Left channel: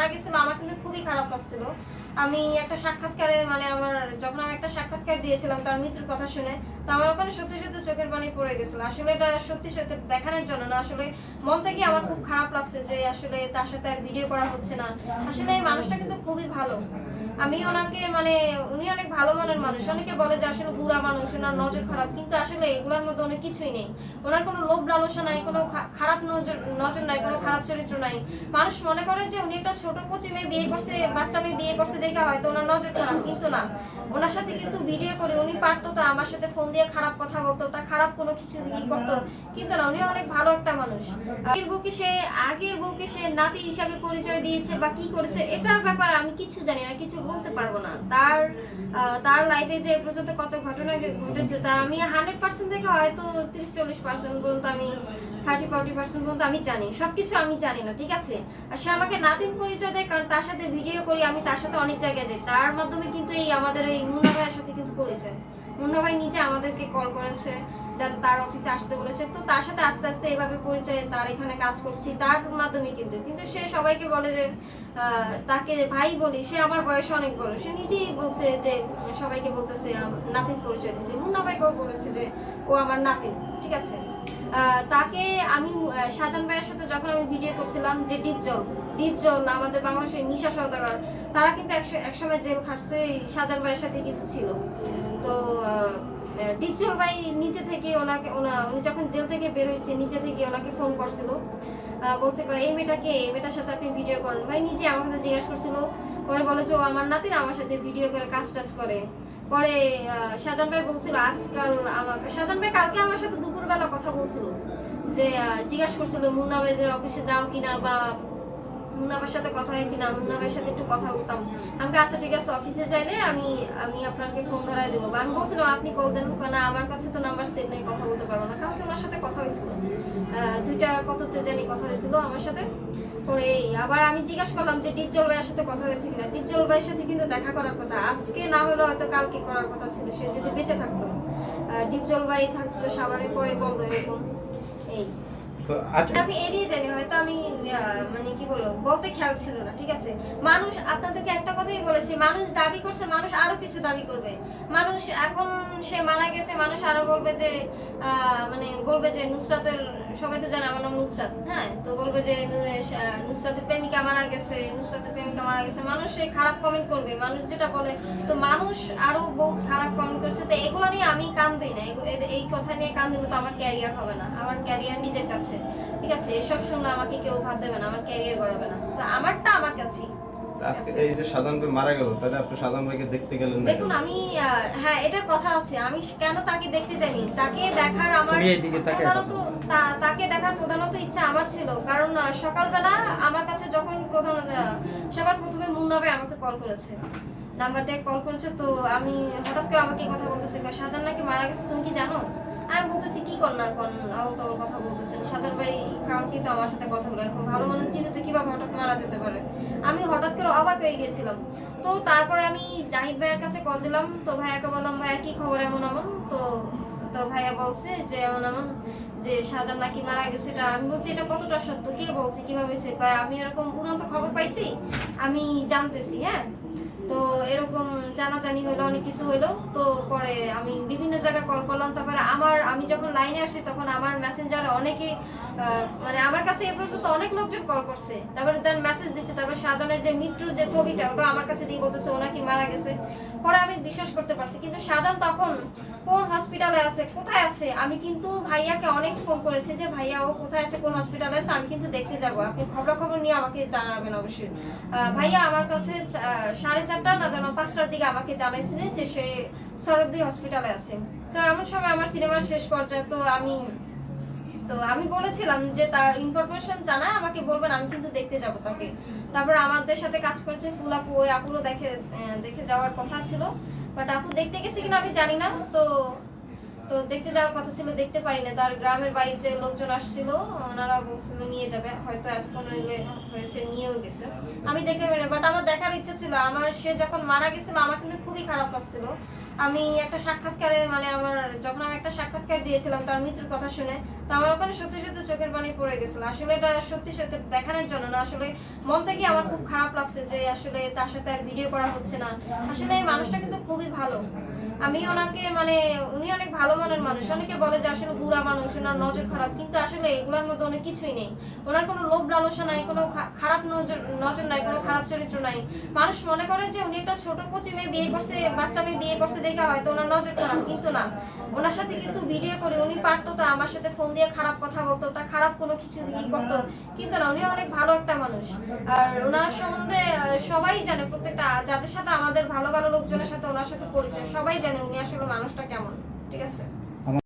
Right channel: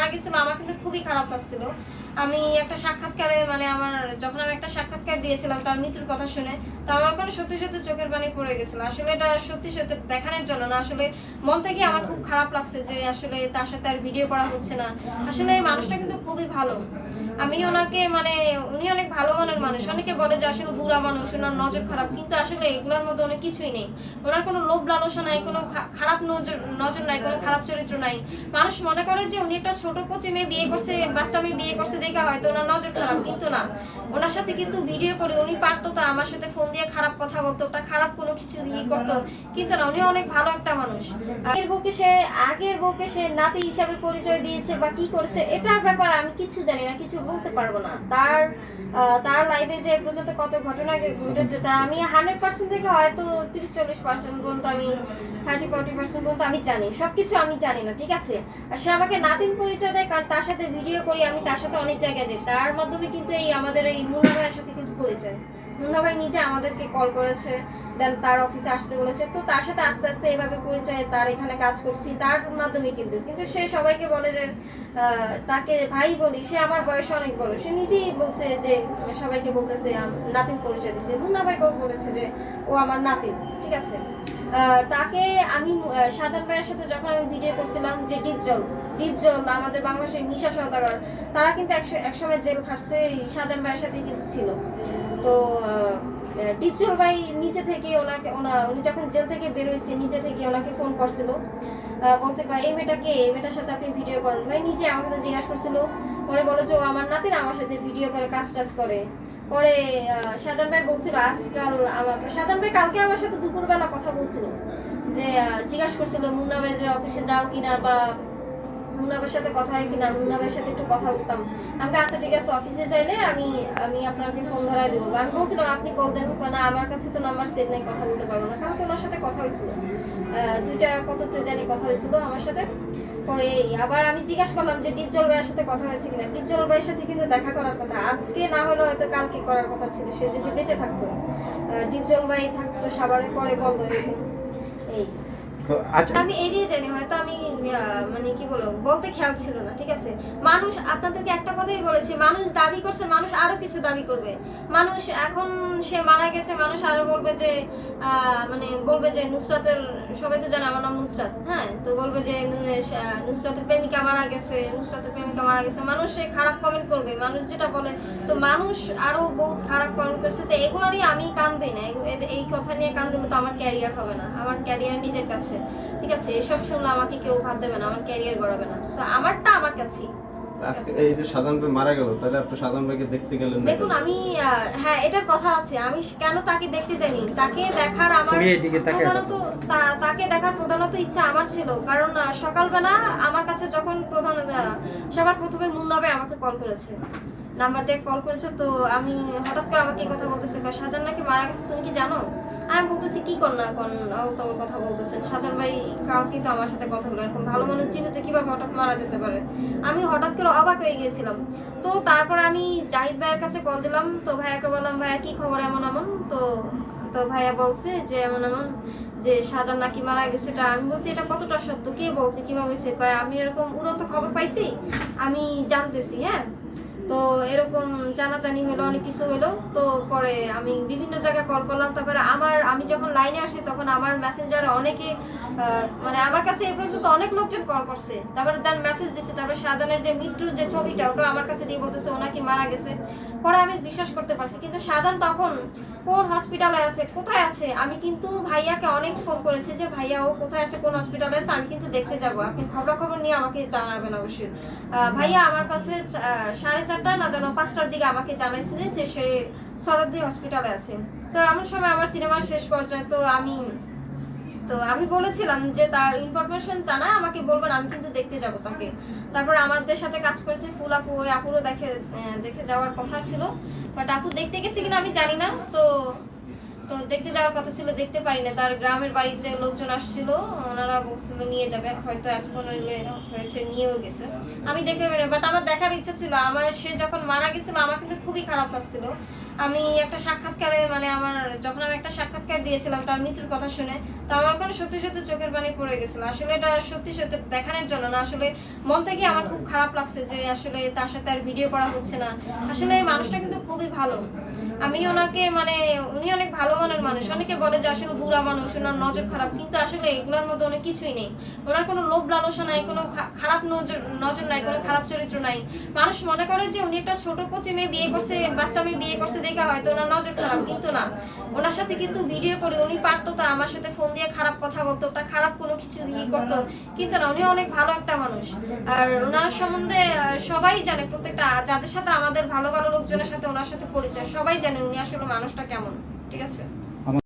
মারা গেছিল আমার কিন্তু খুবই খারাপ লাগছিল। আমি একটা সাক্ষাৎকারে মানে আমার যখন আমি একটা সাক্ষাৎকার দিয়েছিলাম তার মৃত্যুর কথা শুনে, তো আমার ওখানে সত্যি সত্যি চোখের পানি পড়ে গেছিল। আসলে এটা সত্যি সত্যি দেখানোর জন্য না, আসলে মন থেকে আমার খুব খারাপ লাগছে যে আসলে তার সাথে আর ভিডিও করা হচ্ছে না। আসলে এই মানুষটা কিন্তু খুবই ভালো। আমি ওনাকে মানে উনি অনেক ভালো মনের মানুষ। অনেকে বলে যে আসলে বুড়া মানুষ, ওনার নজর খারাপ, কিন্তু আসলে এগুলোর মধ্যে অনেক কিছুই নেই। ওনার কোনো লোভ লালসা নাই, কোনো খারাপ নজর নজর নাই, কোনো খারাপ চরিত্র নাই। মানুষ মনে করে যে উনি একটা ছোট কচি মেয়ে বিয়ে করছে, বাচ্চা মেয়ে বিয়ে করছে দেখে হয়তো ওনার নজর খারাপ, কিন্তু না। ওনার সাথে কিন্তু ভিডিও করে, উনি পারতো তো আমার সাথে ফোন দিয়ে খারাপ কথা বলতো, ওটা খারাপ কোনো কিছু ই করতো। কিন্তু না, উনি অনেক ভালো একটা মানুষ। আগের বউকে সে, আগের বউকে সে নাতি হিসাবে পরিচয় দিয়েছে বা কি করেছে, এটার ব্যাপারে আমি কিছু জানি না, কিছু বলতে পারব না। তার তার লাইফে যে পর্যন্ত কত ঘটনা ঘটেছে, তা আমি হান্ড্রেড পার্সেন্ট থেকে হয়তো তিরিশ চল্লিশ পার্সেন্ট পর্যন্ত আমি থার্টি ফর্টি পার্সেন্ট পর্যন্ত আমি জানি, সবকিছু আমি জানি না, ঠিক আছে? আর সে আমাকে নাতিন পরিচয় দেয়, কারণ তার সাথে ভিডিও করি, আমি তার সাথে অনেক জায়গায় যায়। তার মাধ্যমে কিন্তু এই আমাদের এই মুন্না ভাইয়ের সাথে কিন্তু পরিচয়। মুন্না ভাই নিজে আমাদেরকে কল করেছে দেন তার অফিসে আসতে বলেছে। তো তার সাথে আস্তে আস্তে এইভাবে পরিচয় তার এখানে কাজ করছি, তার মাধ্যমে কিন্তু। কিন্তু সে সবাইকে বলে যে তাকে ভাই বলি, সে আমার বয়স অনেক বড়। সে নিজেই বলছে যে, সবাইকে বলতেছে নাতিন পরিচয় দিছে মুন্না ভাই কেউ বলেছে যে, ও আমার নাতিন ঠিক আছে? তাকে আমি সাজান ভাইয়ের সাথে যখন আমি ভিডিও করছিলাম যে, ডিপ জল। ডিপ জল আমাদের বাংলাদেশের নিশা সওদাগর। তারা কিন্তু একসময় জেল খাটছে এই সাজান ভাইয়ের সাথে কিন্তু ছিল। ডিপজল ভাই নিচে থেকে ওনাকে, ওনা, উনি যখন জেল থেকে বের হয়েছে, নিজে থেকে ওনাকে ফোন করছিল। বলছে এই মেয়েটাকে, এই মেয়েটার সাথে আপনি ভিডিও করেন। ভাই নিজে আমার সাথে জিজ্ঞাসা করছিল। পরে বলে যে, ও আমার নাতিন, আমার সাথে ভিডিও করে, কাজ টাজ করে। পরে শাহজাহান ভাই বলছিল, আজকাল আমাকে শাহজাহান ভাই কালকে আমার সাথে দুপুরবেলা কথা বলছিল। যে জিজ্ঞাসা করছিল, মুন্না ভাইদের অফিসে যাও কিনা বা ভাইয়ের সাথে কথা হয় কিনা ভাইয়ের সাথে একটু কথা বলতাম। আমাকে আচ্ছা ঠিক আছে অফিসে চাইলে আমি আমি আপনাকে ফোন ধরাই দেবো। বা আমি বলছিলাম আপনি কল দেন না আমার কাছে তো নাম্বার সেভ নেই কথা বলতে পারব না। কালকে ওনার সাথে কথা হয়েছিল। দুইটা কততে জানি কথা হয়েছিল আমার সাথে। পরে আবার আমি জিজ্ঞাসা করলাম যে ডিপজল ভাইয়ের সাথে কথা হয়েছে কিনা? ডিপজল ভাইয়ের সাথে কিন্তু দেখা করার কথা। আজকে না হলেও হয়তো কালকে করার কথা ছিল সে যদি বেঁচে থাকতো। ডিপজল ভাই থাকতো সবারে পরে বলতো এরকম। এই। তো আচ্ছা। আমি এড়িয়ে জানি হয়তো আমি মানে কি বলব, বলতে খেয়াল ছিল না, ঠিক আছে? মানুষ আপনাদেরকে একটা কথাই বলেছি, মানুষ দাবি করছে, মানুষ আরও কিছু দাবি করবে। মানুষ এখন সে মারা গেছে, মানুষ আরও বলবে যে মানে বলবে যে নুসরাতের, সবাই তো জানে আমার নাম নুসরাত হ্যাঁ? তো বলবে যে নুসরাতের প্রেমিকা মারা গেছে, নুসরাতের প্রেমিকা মারা গেছে। মানুষ সেই খারাপ কমেন্ট করবে, মানুষ যেটা বলে, তো মানুষ আরও বহুত খারাপ কমেন্ট করছে। তো এগুলো নিয়ে আমি কান দিই না এই কথা নিয়ে কান দিলে তো আমার ক্যারিয়ার হবে না, আমার ক্যারিয়ার নিজের কাছে, ঠিক আছে? এসব শুনলে আমাকে কেউ ভাত দেবে না আমার ক্যারিয়ার গড়াবে না। তো আমারটা আমার কাছেই। আজকে এই যে সাধারণ ভাই মারা গেল তাহলে আপনি সাধারণ ভাইকে দেখতে গেলেন দেখুন আমি হ্যাঁ এটার কথা আছে। আমি কেন তাকে দেখতে যাইনি? তাকে দেখার আমার প্রধানত তাকে দেখার প্রধানত ইচ্ছা আমার ছিল। কারণ সকালবেলা আমার কাছে যখন প্রধান আহ, সবার প্রথমে মুন্নবে আমাকে কল করেছে। নাম্বার দিয়ে কল করেছে তো আমি হঠাৎ করে আমাকে কথা বলতেছে। শাহজাহান নাকি মারা গেছে তুমি কি জানো? আমি বলতেছি, কি কর না কোন তো কথা বলতেছেন? শাহজাহান ভাই কালকে তো আমার সাথে কথা বলে এরকম ভালো মানুষ জীবিত কীভাবে হঠাৎ মারা যেতে পারে? আমি হঠাৎ করে অবাক হয়ে গিয়েছিলাম। তো তারপর আমি জাহিদ ভাইয়ের কাছে কল দিলাম। তো ভাইয়াকে বললাম, ভাইয়া, কি খবর? এমন এমন? তো তো ভাইয়া বলছে যে, এমন এমন যে শাহজাহান নাকি মারা গেছে। এটা আমি বলছি, এটা কতটা সত্য? কে বলছে? কীভাবে সে কয়? আমি এরকম উড়ন্ত খবর পাইছি? আমি জানতেছি হ্যাঁ? তো এরকম জানাজানি হলো, অনেক কিছু হলো। তো পরে আমি বিভিন্ন জায়গায় কল করলাম। তারপরে আমার আমি যখন লাইনে আসি তখন আমার মেসেঞ্জারে অনেকে মানে আমার কাছে এ পর্যন্ত অনেক লোকজন কল করছে। তারপরে দেন মেসেজ দিচ্ছে তারপরে শাহজাহানের যে মৃত্যুর যে ছবিটা, ওটা আমার কাছে দিয়ে বলতেছে ওনাকে মারা গেছে। পরে আমি বিশ্বাস করতে পারছি, কিন্তু শাহজাহান তখন কোন হসপিটালে আছে, কোথায় আছে? আমি কিন্তু ভাইয়াকে অনেক ফোন করেছি যে, ভাইয়া, ও কোথায় আছে, কোন হসপিটালে আছে? আমি কিন্তু দেখতে যাব। আপনি খবর খবর নিয়ে আমাকে জানাবেন অবশ্যই। ভাইয়া আমার কাছে সাড়ে চারটা না জানো পাঁচটার দিকে আমাকে জানাইছিলেন যে সে শরদ্দি হসপিটালে আছে। তো এমন সময় আমার সিনেমার শেষ পর্যায়ে তো আমি তো আমি বলেছিলাম যে তার ইনফরমেশন জানা আমাকে বলবেন, আমি কিন্তু দেখতে যাব তাকে। তারপর আমাদের সাথে কাজ করছে ফুল আপু, ওই আপুরও দেখে দেখে যাওয়ার কথা ছিল। বাট আপু দেখতে গেছে কিনা আমি জানি না, তো তো দেখতে যাওয়ার কথা ছিল, দেখতে পারি না। তার গ্রামের বাড়িতে লোকজন আসছিল, ওনারা বলছিল নিয়ে যাবে। হয়তো এতক্ষণ হয়েছে, নিয়েও গেছে। আমি দেখতে পারি বাট আমার দেখার ইচ্ছা ছিল। আমার, সে যখন মারা গেছিল, আমার কিন্তু খুবই খারাপ লাগছিল। আমি একটা সাক্ষাৎকারে মানে আমার, যখন আমি একটা সাক্ষাৎকার দিয়েছিলাম তার মৃত্যুর কথা শুনে, তো আমার ওখানে সত্যি সত্যি চোখের পানি পড়ে গেছিল। আসলে এটা সত্যি সত্যি দেখানোর জন্য না, আসলে মন থেকে আমার খুব খারাপ লাগছে যে আসলে তার সাথে আর ভিডিও করা হচ্ছে না। আসলে এই মানুষটা কিন্তু খুবই ভালো। আমি ওনাকে মানে উনি অনেক ভালো মনের মানুষ। অনেকে বলে যে আসলে বুড়া মানুষ, ওনার নজর খারাপ। কিন্তু আসলে এগুলোর মধ্যে অনেক কিছুই নেই। ওনার কোনো লোভ লালসা নাই, কোনো খারাপ নজর নজর নাই, কোনো খারাপ চরিত্র নাই। মানুষ মনে করে যে উনি একটা ছোট কচি মেয়ে বিয়ে করছে, বাচ্চা মেয়ে বিয়ে করছে দেখা হয়তো ওনার নজর খারাপ, কিন্তু না। ওনার সাথে কিন্তু ভিডিও করে উনি পারতো তো, আমার সাথে ফোন দিয়ে খারাপ কথা বলতো, ওটা খারাপ কোনো কিছু ই করতো। কিন্তু না, উনি অনেক ভালো একটা মানুষ। আর ওনার সম্বন্ধে সবাই জানে প্রত্যেকটা, যাদের সাথে আমাদের ভালো ভালো লোকজনের সাথে ওনার সাথে পরিচয়, সবাই জানে উনি আসলে মানুষটা কেমন ঠিক আছে?